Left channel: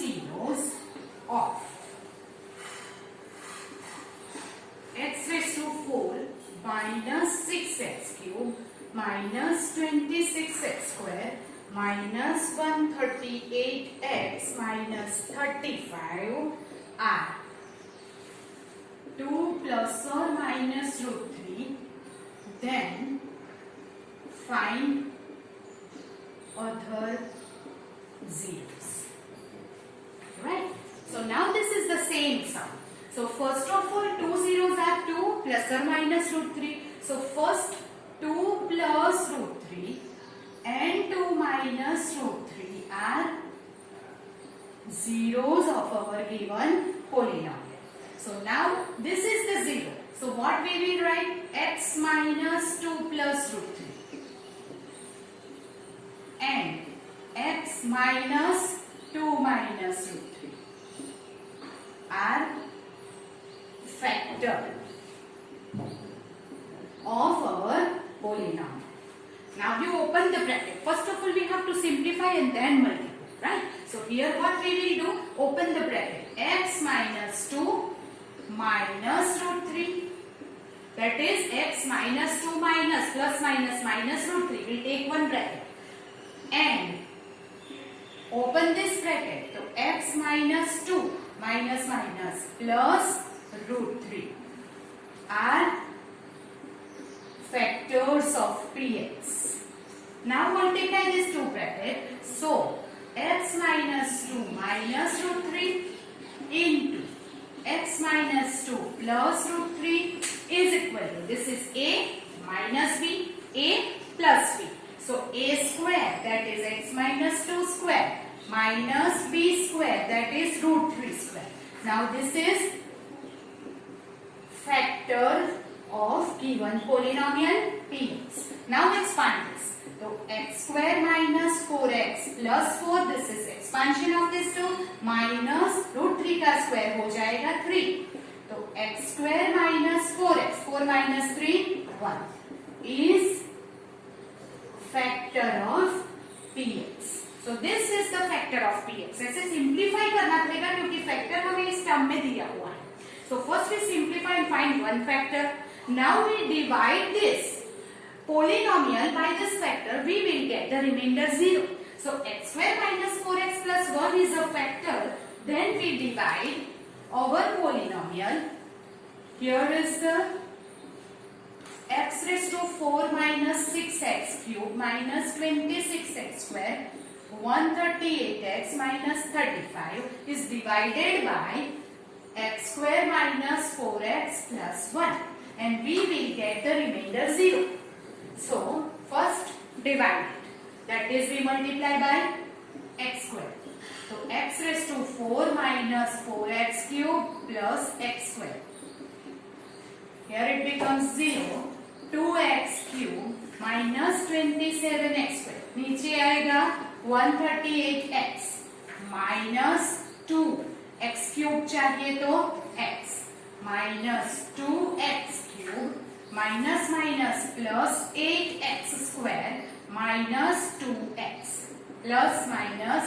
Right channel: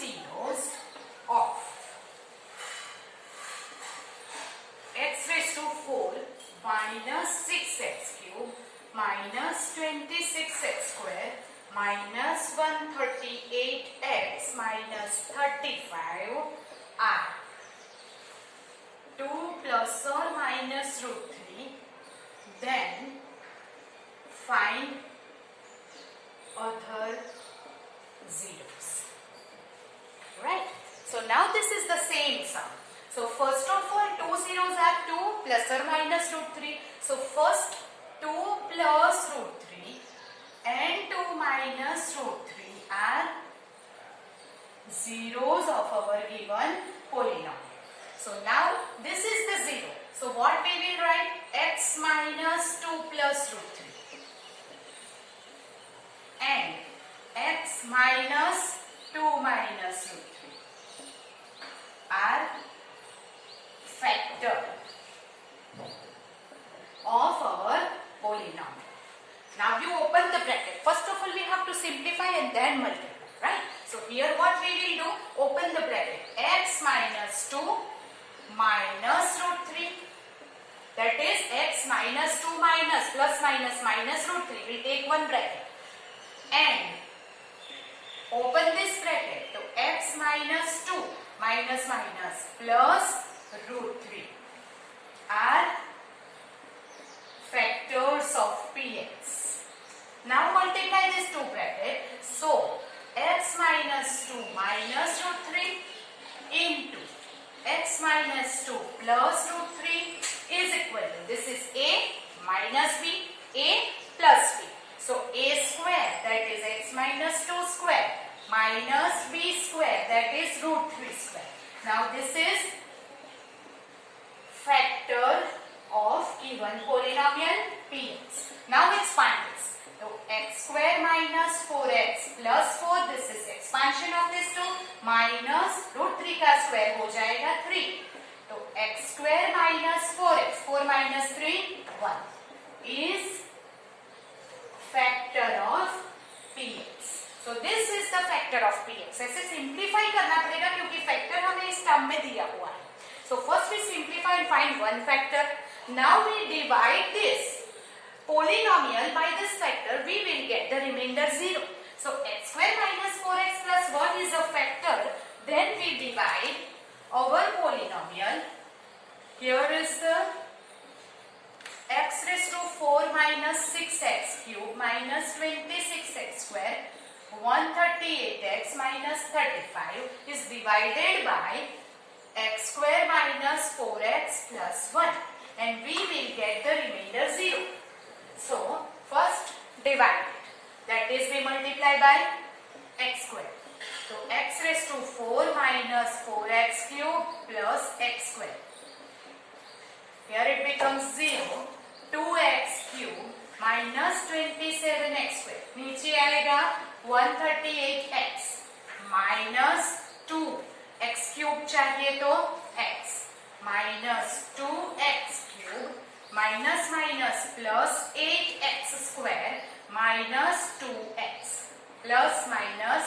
zeros of x raised to 4 minus 6x cube minus 26x square minus 138x minus 35 are 2 plus or minus root 3. Then find other zeros. Right? So now this is the same sum. So first of all, 2 zeros are 2 plus or minus root 3. So first 2 plus root 3 and 2 minus root 3 are zeros of our given polynomial. So now this is the zero. So what we will write? X minus 2 plus root 3 and x minus 2 minus root 3 are factor of our polynomial. Now you open the bracket. First of all we have to simplify and then multiply, right? So here what we will do? Open the bracket. X minus 2 minus root 3, that is x minus 2 minus plus minus minus root 3. We'll take one bracket and open this bracket. So x minus 2 minus minus plus root 3 are factors of px. Now multiply these two brackets. So x minus 2 minus root 3 into x minus 2 plus root 3 is equal to, this is a minus b, a plus b. So a square, that is x minus 2 square, minus b square, that is root 3 square. Now this is factor of given polynomial px. Now expand this. So x square minus 4x plus 4, this is expansion of this 2, minus root 3 का square हो जाएगा 3. तो x square minus 4x, 4 minus 3, 1 is factor of px. So this is the factor of px. ऐसे simplify करना पड़ेगा क्योंकि factor हमें इस term में दिया हुआ है. So first we simplify and find one factor. Now we divide this polynomial by this factor, we will get the remainder 0. So x square minus 4x plus 1 is a factor. Then we divide our polynomial. Here is the x raised to 4 minus 6x cube minus 26x square 138x minus 35 is divided by x square minus 4x plus 1, and we will get the remainder 0. So first divide it, that is we multiply by x square. So x raised to 4 minus 4x cube plus x square. Here it becomes 0. 2x cube minus 27x square. नीचे आएगा 138x minus 2 x cube चाहिए तो x minus 2x cube minus minus plus 8x square minus 2x plus minus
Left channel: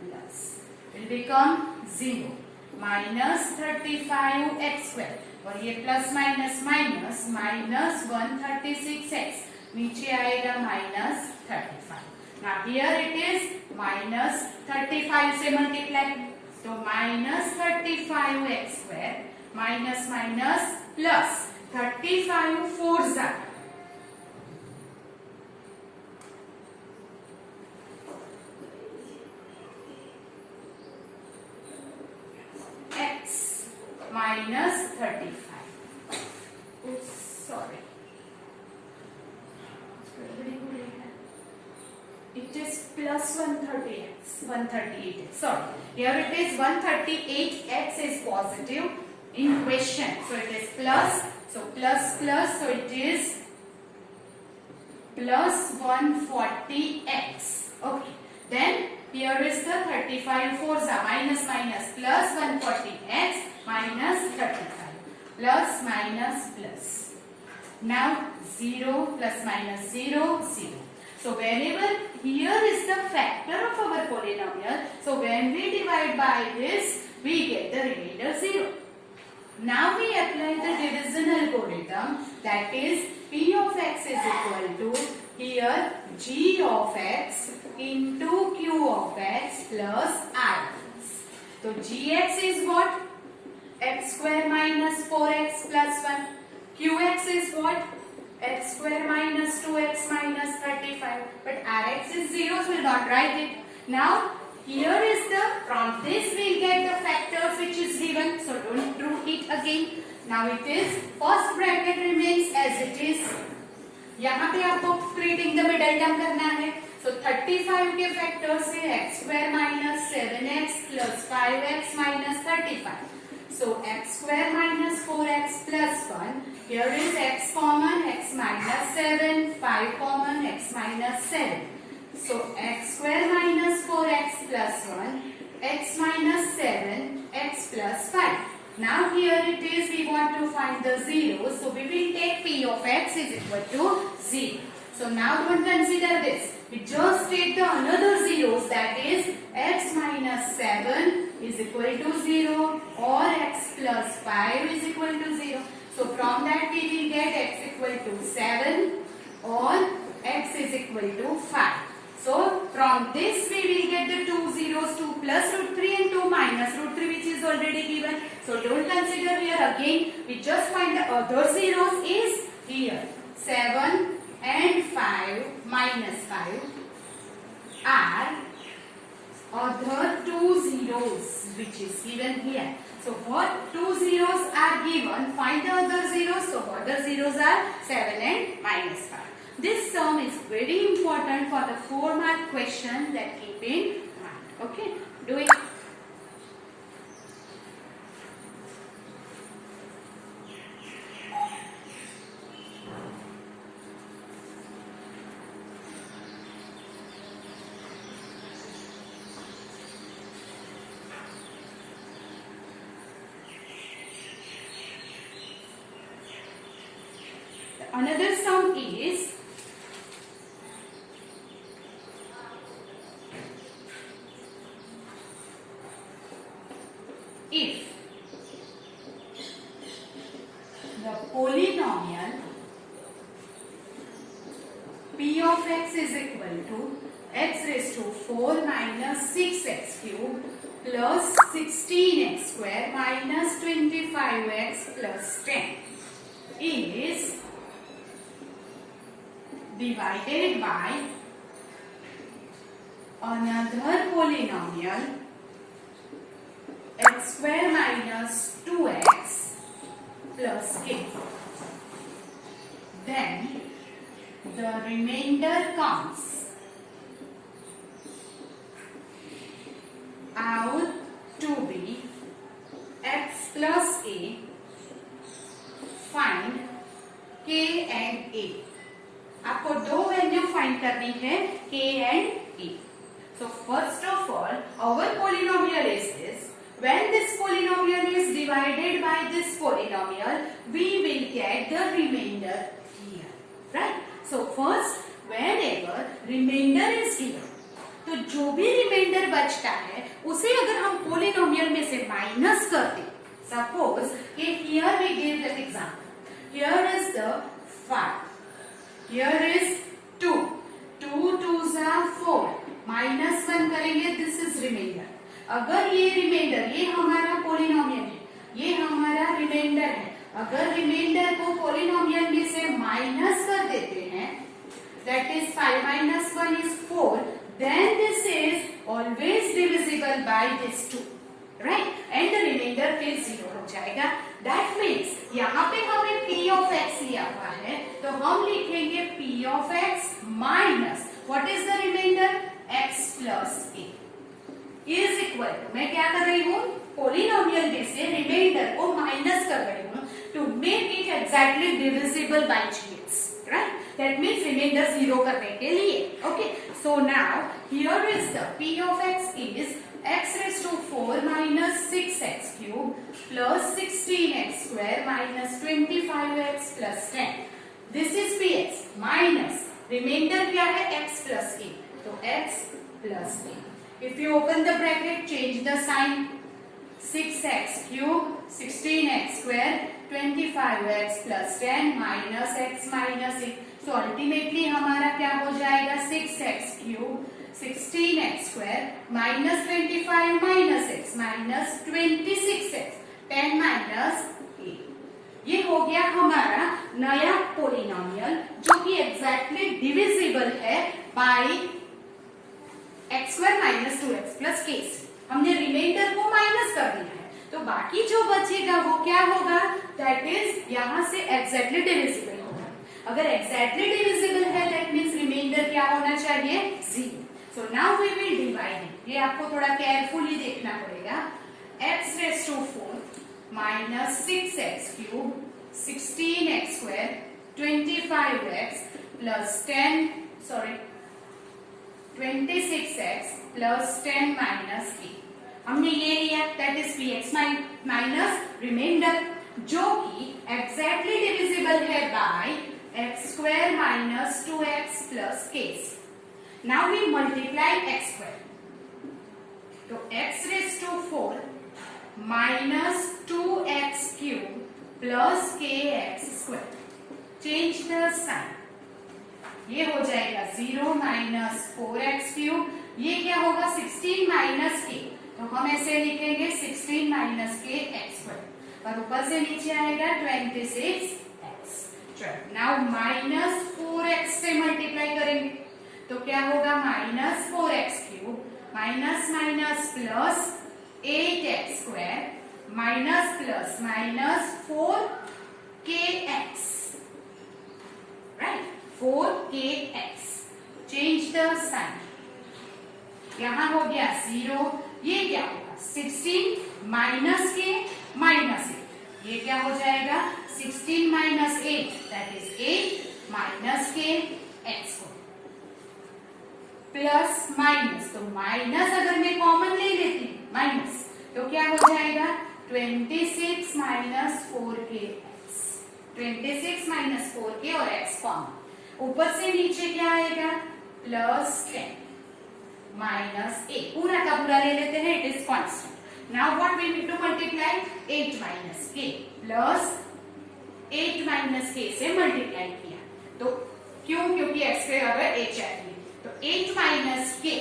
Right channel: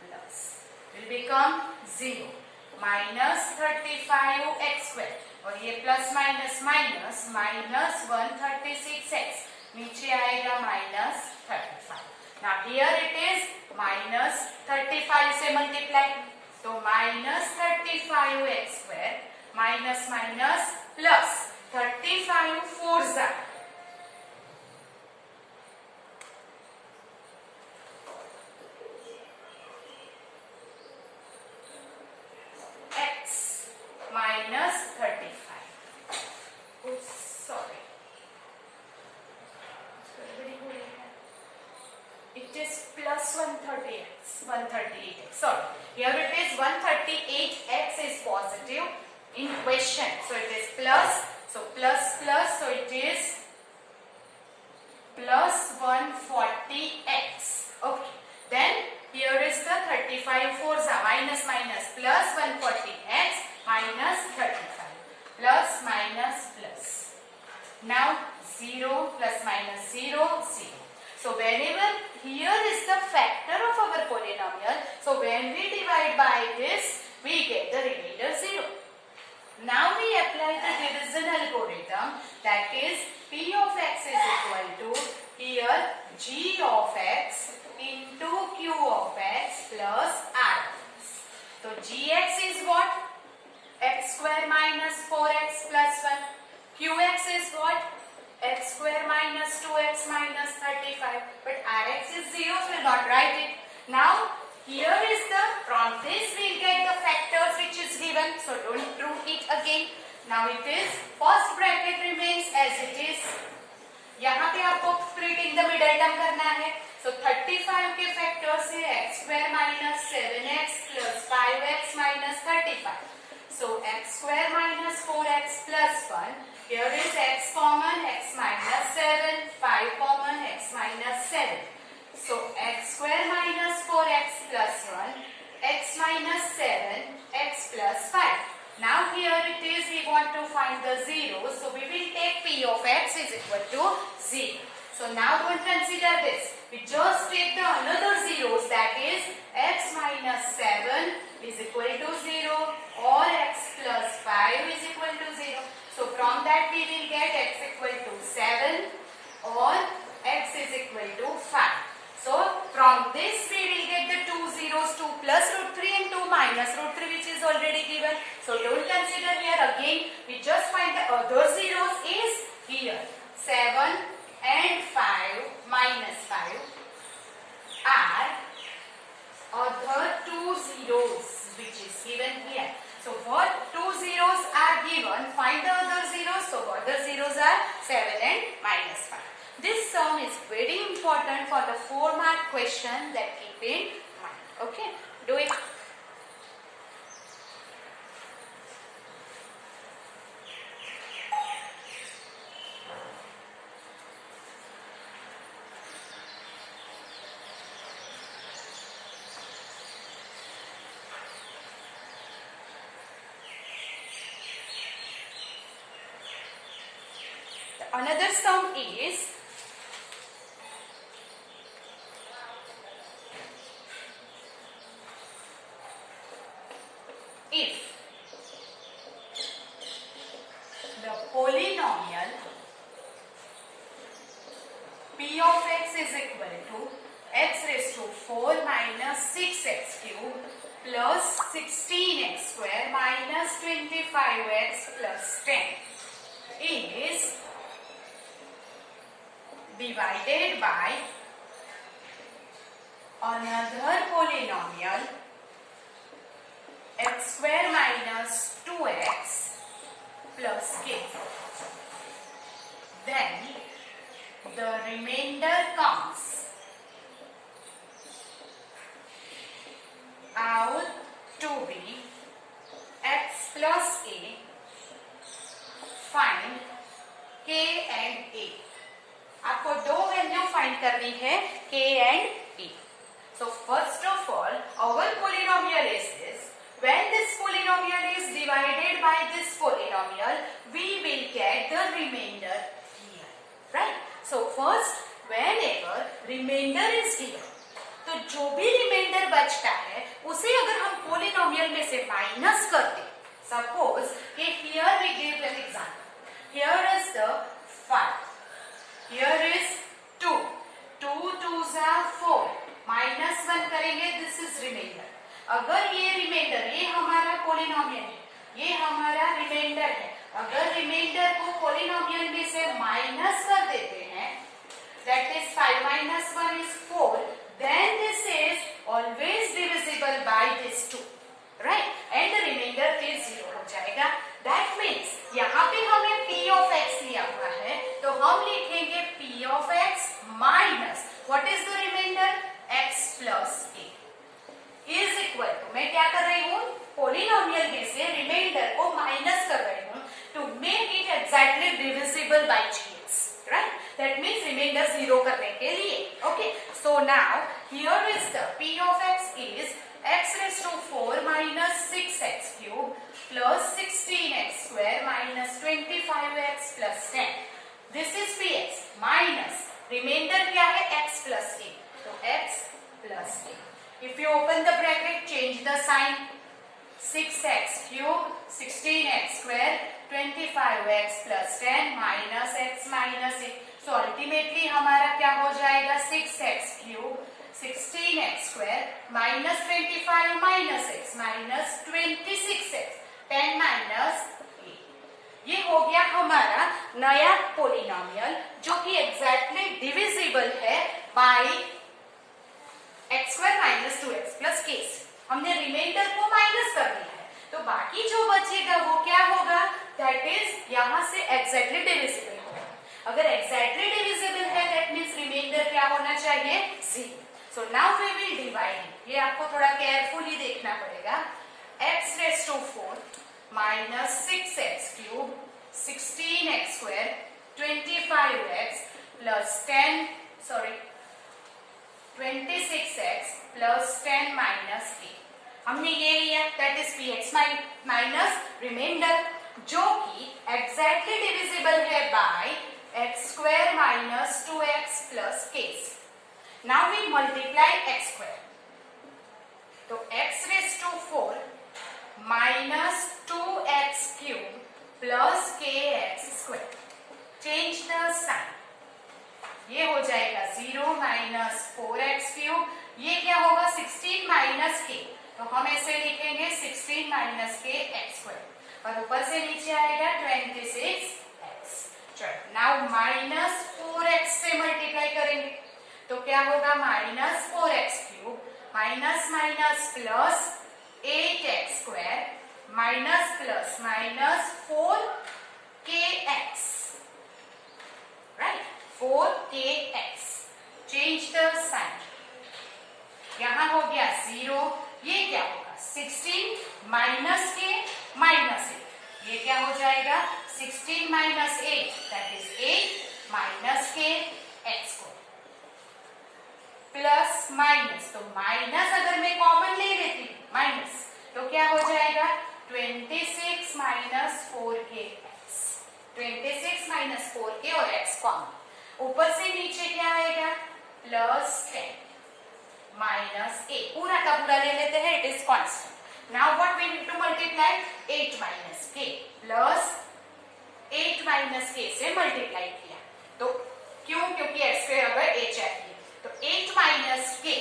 plus will become 0 minus 35x square और ये plus minus minus minus 136x नीचे आएगा minus 35. Now here it is minus 35 से multiply तो minus 35x square minus minus plus 35 fours are x minus 35. Oops, sorry. It is plus 138x. 138x. Sorry. Here it is 138x is positive in question. So it is plus. So plus plus. So it is plus 140x. Okay. Then here is the 35 fours are minus minus plus 140x minus 35 plus minus plus. Now 0 plus minus 0 0. So whenever here is the factor of our polynomial, polynomial. So when we divide by this, we get the remainder 0. Now we apply the division algorithm, that is P of x is equal to here G of x into Q of x plus R. So Gx is what? X square minus 4x plus 1. Qx is what? X square minus 2x minus 35. But Rx is 0, so we'll not write it. Now here is from this we'll get the factors which is given. So don't do it again. Now it is first bracket remains as it is. यहाँ पे आपको split in the middle term करना है. So 35 के factors से x square minus 7x plus 5x minus 35. So x square minus 4x plus 1. Here is x common, x minus 7, 5 common, x minus 7. So x square minus 4x plus 1, x minus 7, x plus 5. Now here it is, we want to find the zeros. So we will take p of x is equal to 0. So now don't consider this. We just take the another zeros, that is x minus 7 is equal to 0 or x plus 5 is equal to 0. So from that we will get x equal to 7 or x is equal to 5. So from this we will get the two zeros, 2 plus root 3 and 2 minus root 3, which is already given. So don't consider here again. We just find the other zeros is here 7 and 5 minus 5 are other two zeros which is given here. So what two zeros are given, find the other zeros. So other zeros are 7 and minus 5. This sum is very important for the 4-mark question, that keep in mind. Okay, do it. Another sum is if the polynomial p of x is equal to x raised to 4 minus 6x cubed plus 16x square minus 25x plus 10 is divided by another polynomial x square minus 2x plus k. Then the remainder comes out to be x plus a. Find k and a. आपको दो value find करनी है k and a. So first of all, our polynomial is this. When this polynomial is divided by this polynomial, we will get the remainder here, right? So first, whenever remainder is here, तो जो भी reminder बचता है उसे अगर हम polynomial में से माइनस करते, सपोज कि here we give an example. Here is the 5. Here is 2. 2 2s are 4. Minus 1 करेंगे, दिस इज रिमाइंडर. अगर ये रिमाइंडर, ये हमारा पोलिनोमियल है, ये हमारा रिमाइंडर है, अगर रिमाइंडर को पोलिनोमियल में से माइनस कर देते हैं, that is 5 minus 1 is 4, then this is always divisible by this 2, right? And the remainder फिर 0 हो जाएगा. That means यहाँ पे हमें p of x लिया हुआ है, तो हम लिखेंगे p of x minus what is the remainder? x plus a is equal to, मैं क्या कर रही हूँ, पोलिनोमियल में से रिमाइंडर को माइनस कर रही हूँ to make it exactly divisible by gx, right? That means remainder 0 करने के लिए. Okay, so now here is the p of x is x raised to 4 minus 6x cubed plus 16x square minus 25x plus 10. This is px minus remainder क्या है, x plus a. तो x plus a. If you open the bracket, change the sign. 6x cube 16x square 25x plus 10 minus x minus 8. So ultimately हमारा क्या हो जाएगा 6x cube 16x square minus 25 minus x minus 26x 10 minus 8. ये हो गया हमारा नया polynomial जो कि एग्जैक्टली डिविजिबल है by x square minus 2x plus k से. हमने रिमाइंडर को माइनस कर दिया है तो बाकी जो बचेगा वो क्या होगा, दैट इज यहाँ से एग्जैक्टली डिविजिबल होगा. अगर एग्जैक्टली डिविजिबल है दैट मीन्स रिमाइंडर क्या होना चाहिए 0. So now we will divide. ये आपको थोड़ा केयरफुली देखना पड़ेगा. x raise to 4 minus 6x cube 16x square 25x plus 26x plus 10 minus 8. हमने ये लिया that is px minus remainder जो कि एग्जैक्टली डिविजिबल है by x square minus 2x plus k. Now we multiply x square. तो x raise to 4 minus 2x cube plus kx square. Change the sign. ये हो जाएगा 0 minus 4x cube. ये क्या होगा 16 माइनस k. तो हम ऐसे लिखेंगे 16 माइनस k x स्क्वायर और ऊपर से नीचे आएगा 26x. चलो नाउ माइनस 4x से मल्टीप्लाई करेंगे तो क्या होगा minus 4x cube minus minus plus 8x square minus plus minus 4kx. Right 4kx. Change the sign. यहां हो गया 0. ये क्या होगा 16 माइनस के माइनस 8. ये क्या हो जाएगा 16 माइनस 8 दैट इज 8 माइनस के एक्स स्क्वायर प्लस माइनस. तो माइनस अगर मैं कॉमन ले लेती हूँ माइनस तो क्या हो जाएगा 26 minus 4k x. 26 minus 4k और x कॉमन. ऊपर से नीचे क्या आएगा प्लस 10 माइनस 8. पूरा का पूरा ले लेते हैं it is constant. Now what we need to multiply 8 minus k plus 8 minus k से मल्टीप्लाई किया तो क्यों, क्योंकि x स्क्वायर अगर h चाहिए तो 8 minus k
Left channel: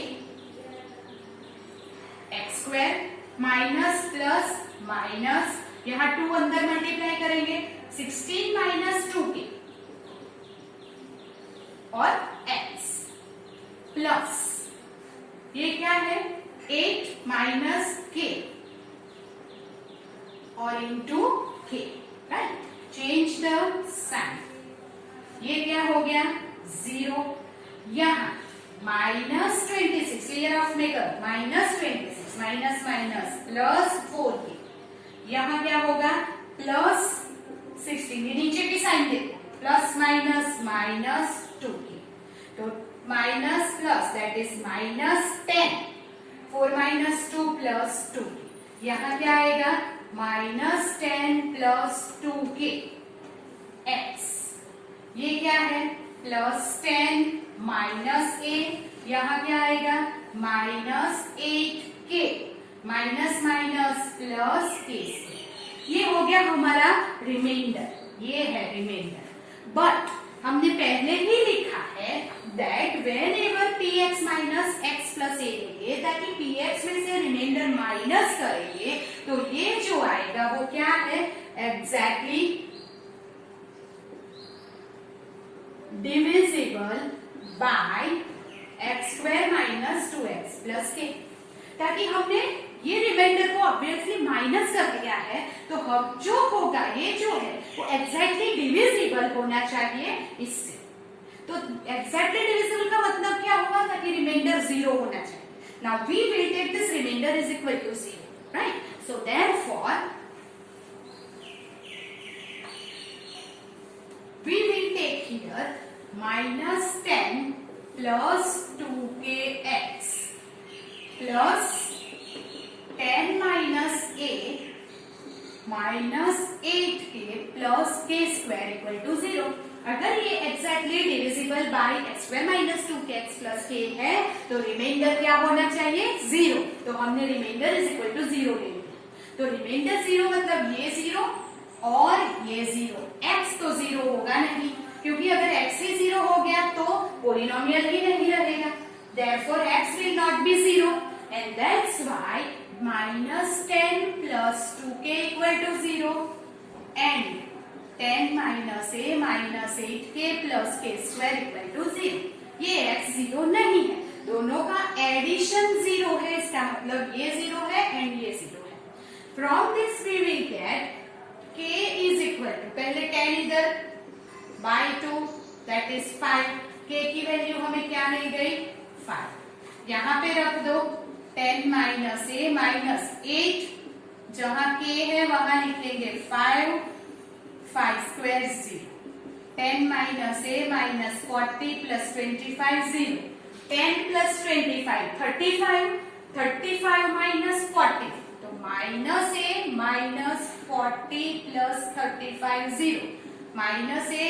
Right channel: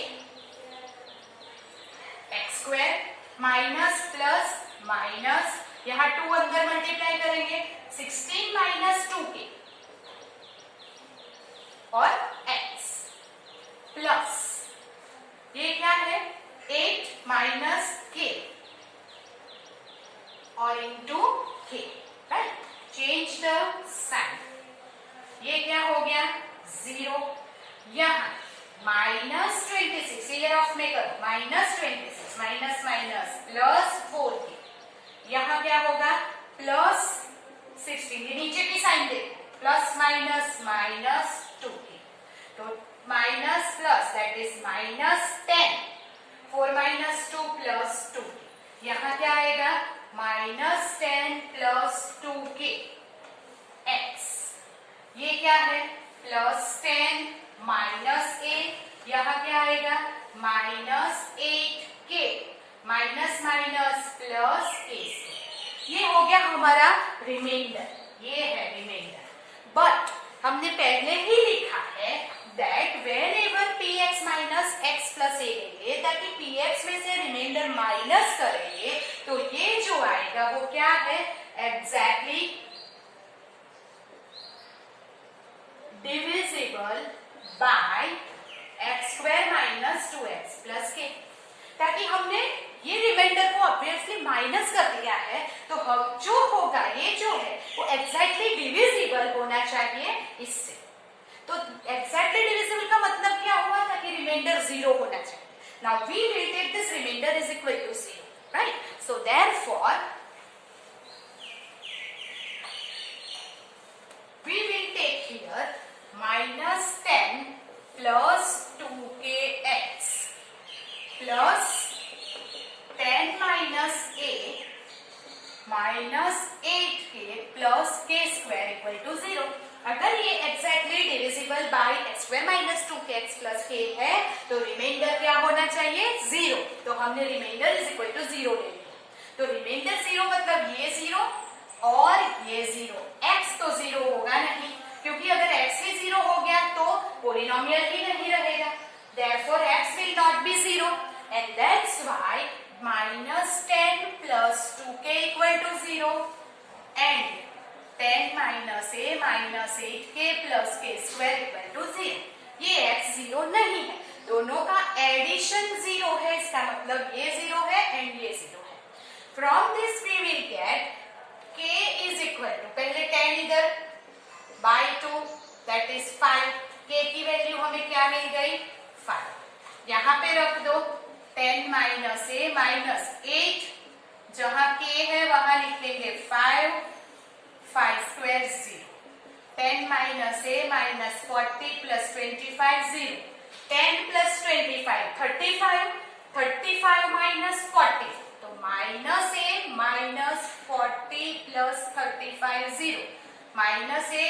x square minus plus minus यहाँ 2 अंदर मल्टीप्लाई करेंगे 16 माइनस 2k और x प्लस ये क्या है 8 माइनस k और into k. Right. Change the sign. ये क्या हो गया 0. यहाँ माइनस 26 ये ऑफ में करो minus 26 minus minus plus 4k. यहाँ क्या होगा प्लस 16. ये नीचे की साइन देखो प्लस माइनस माइनस 2k. तो minus plus that is minus 10. 4 minus 2 plus 2. यहाँ क्या आएगा माइनस 10 प्लस 2k x. ये क्या है प्लस 10 माइनस 8. यहाँ क्या आएगा minus 8k minus minus plus k. ये हो गया हमारा रिमाइंडर. ये है रिमाइंडर. बट हमने पहले ही लिखा है that whenever px minus x plus a लेंगे ताकि px में से रिमाइंडर माइनस करेंगे तो ये जो आएगा वो क्या है exactly divisible bye x square minus 2x plus k. ताकि हमने ये रिमाइंडर को ऑब्वियसली माइनस कर दिया है तो हम जो होगा ये जो है वो एग्जैक्टली डिविजिबल होना चाहिए इससे. तो एग्जैक्टली डिविजिबल का मतलब क्या हुआ ताकि रिमाइंडर 0 होना चाहिए. Now we will take this remainder is equal to 0. Right. So therefore we will take here minus 10 plus 2kx plus 10 minus a minus 8k plus k square equal to 0. अगर ये exactly divisible by x square minus 2x plus k है तो reminder क्या होना चाहिए? 0। तो हमने reminder is equal to 0 ले लिया। तो रिमाइंडर 0 मतलब ये 0 और ये 0। x तो 0 होगा नहीं, क्योंकि अगर x ही 0 हो गया तो पोलिनोमियल ही नहीं रहेगा। Therefore x will not be 0 and that's why minus 10 plus 2k equal to 0 and 10 minus a minus 8k plus k square equal to 0। ये x 0 नहीं है, दोनों का एडिशन 0 है, इसका मतलब ये 0 है एंड ये 0 है। From this we will get k is equal to, पहले 10 इधर by 2 that is 5, k की वैल्यू हमें क्या मिल गई? 5। यहाँ पे रख दो 10 माइनस a माइनस 8, जहां k है वहां लिखेंगे 5, 5 square 0। 10 minus a minus 40 plus 25 0। 10 plus 25 35, 35 minus 40 तो minus a minus 40 plus 35 0 minus a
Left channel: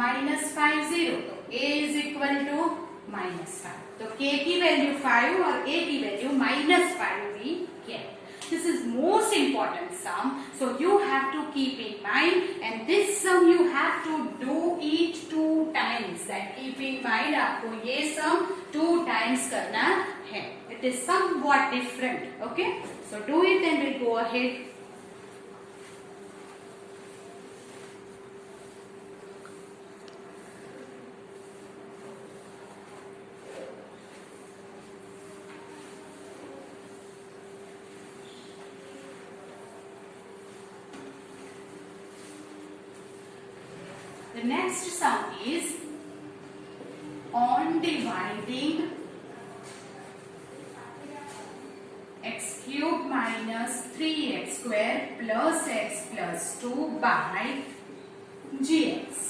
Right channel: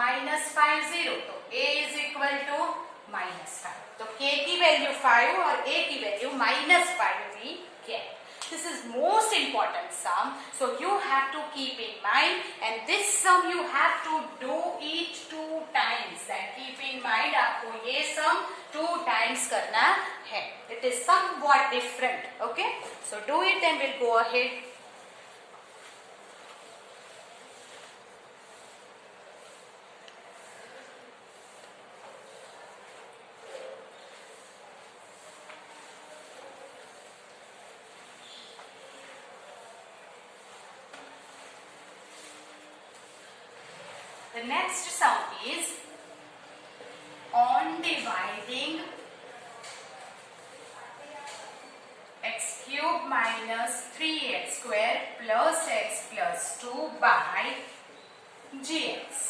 minus 5 0 तो a is equal to minus 5। तो k की वैल्यू 5 और a की value minus 5 we get। This is most important sum, so you have to keep in mind, and this sum you have to do it 2 times। That keep in mind, आपको ये sum 2 times करना है। It is somewhat different, okay? So do it and we'll go ahead. The next sum is on dividing x cube minus 3x square plus x plus 2 by gx.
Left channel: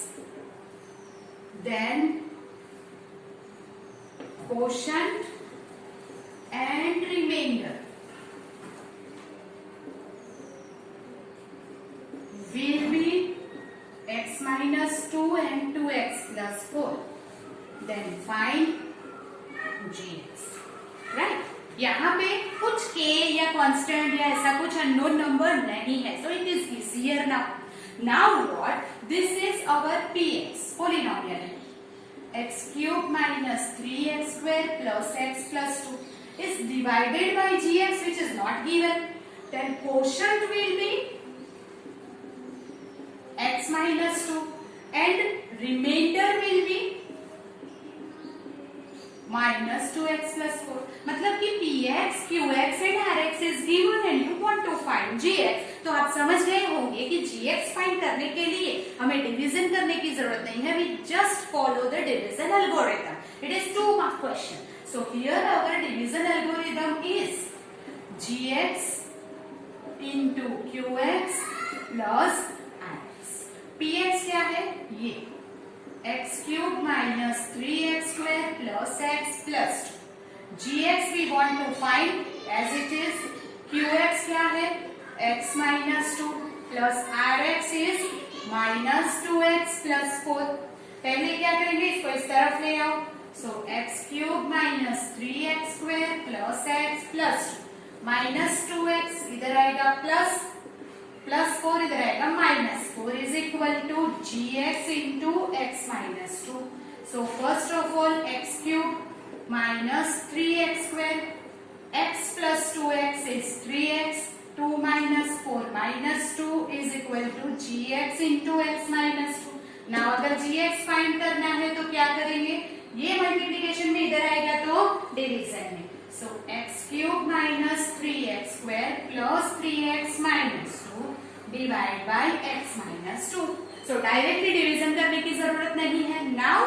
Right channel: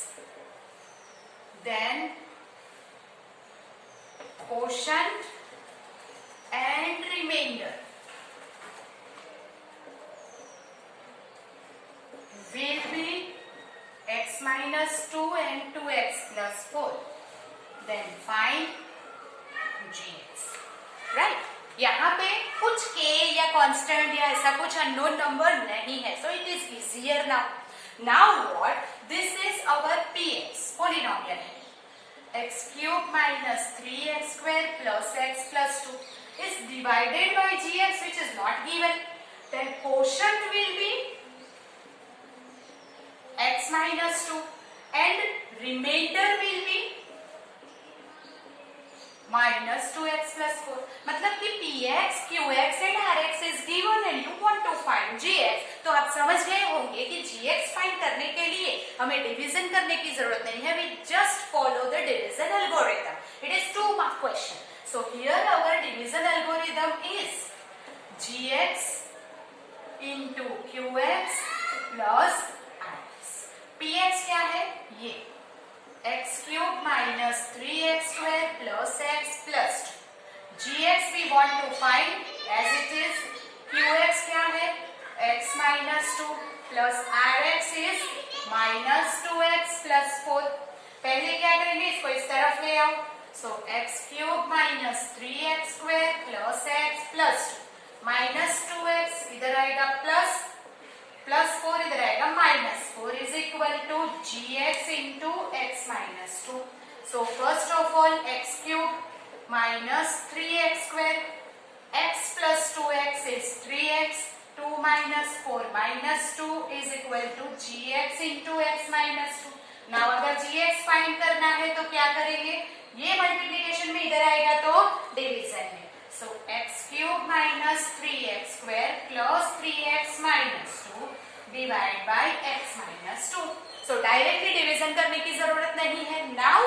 Then quotient and remainder will be x minus 2 and 2x plus 4. Then find gx. Right? यहाँ पे कुछ k या constant या ऐसा कुछ unknown number नहीं है, so it is easier now. Now what? This is our px, polynomial है. X cube minus 3x square plus x plus 2 is divided by gx, which is not given. Then quotient will be x minus 2 and remainder will be minus 2x plus 4। मतलब कि px, qx and rx is given and you want to find gx। तो आप समझ गए होंगे कि gx find करने के लिए हमें डिवीजन करने की जरूरत नहीं है, we just follow the division algorithm। It is 2 mark question। So here our division algorithm is gx into qx plus px क्या है? ये x cube minus 3x square plus x plus 2। gx we want to find as it is। qx क्या है? x minus 2 plus rx is minus 2x plus 4। पहले क्या करेंगे? इसको इस तरफ ले आओ। So x cube minus 3x square plus x plus 2 minus 2x इधर आएगा प्लस 4 इधर आएगा minus 4 is equal to gx into x minus 2। So first of all x cube minus 3x square x plus 2x is 3x 2 minus 4 minus 2 is equal to gx into x minus 2। Now अगर gx find करना है तो क्या करेंगे? ये multiplication में इधर आएगा तो डिवीजन में। So x cube minus 3x square plus 3x minus 2 divide by x minus 2। So directly division करने की जरूरत नहीं है। Now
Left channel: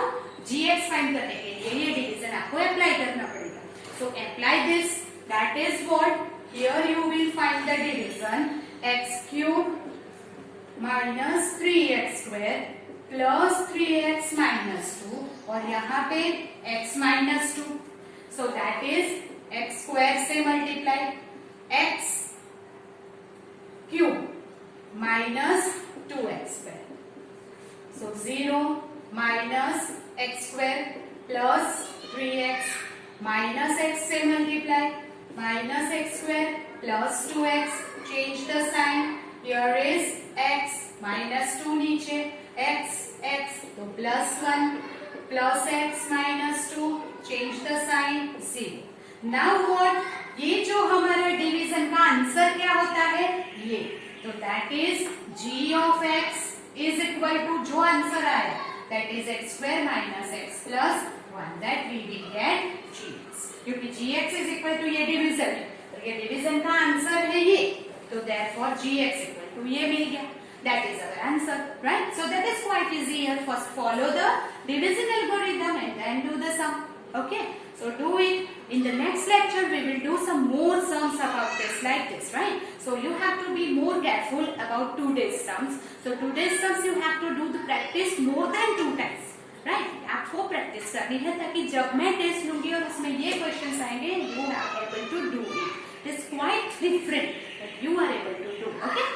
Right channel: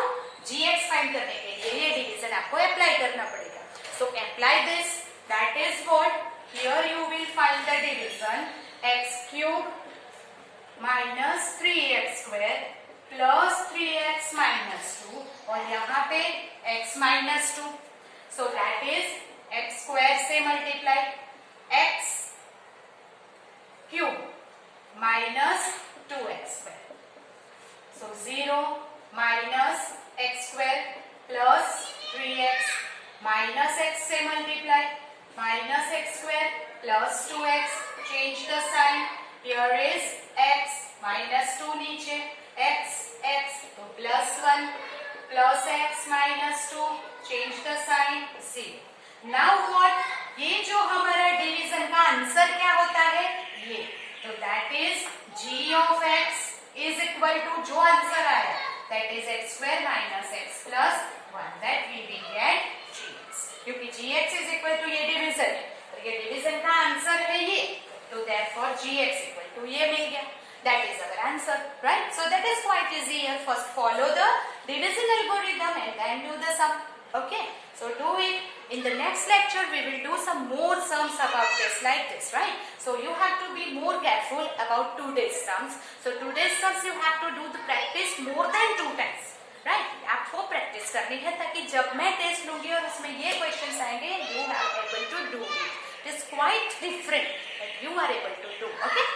gx फाइंड करने के लिए ये डिवीजन आपको अप्लाई करना पड़ेगा। So apply this, that is what here you will find the division x cube minus 3x square plus 3x minus 2 और यहाँ पे x minus 2। So that is x square से multiply x cube minus 2x square. So plus 2x, change the sign. Here is x minus 2 नीचे, x, तो plus 1, plus x minus 2, change the sign, 0. Now what? ये जो हमारा division का answer क्या होता है, ये, तो that is g of x is equal to, जो आंसर आया that is x square minus x plus 1, that we will get gx, क्योंकि gx is equal to ये डिवीजन है, तो ये डिवीजन का आंसर है ये, तो therefore gx equal to ये मिल गया. That is our answer, right? So that is quite easy. First follow the division algorithm and then do the sum. Okay? So do it. In the next lecture, we will do some more sums about this like this, right? So you have to be more careful about today's sums. So today's sums you have to do the practice more than 2 times. Right? आपको practice करनी है ताकि जब मैं test लूंगी और उसमें ये questions आएंगे, you are able to do it. It's quite different, but you are able to do. Okay?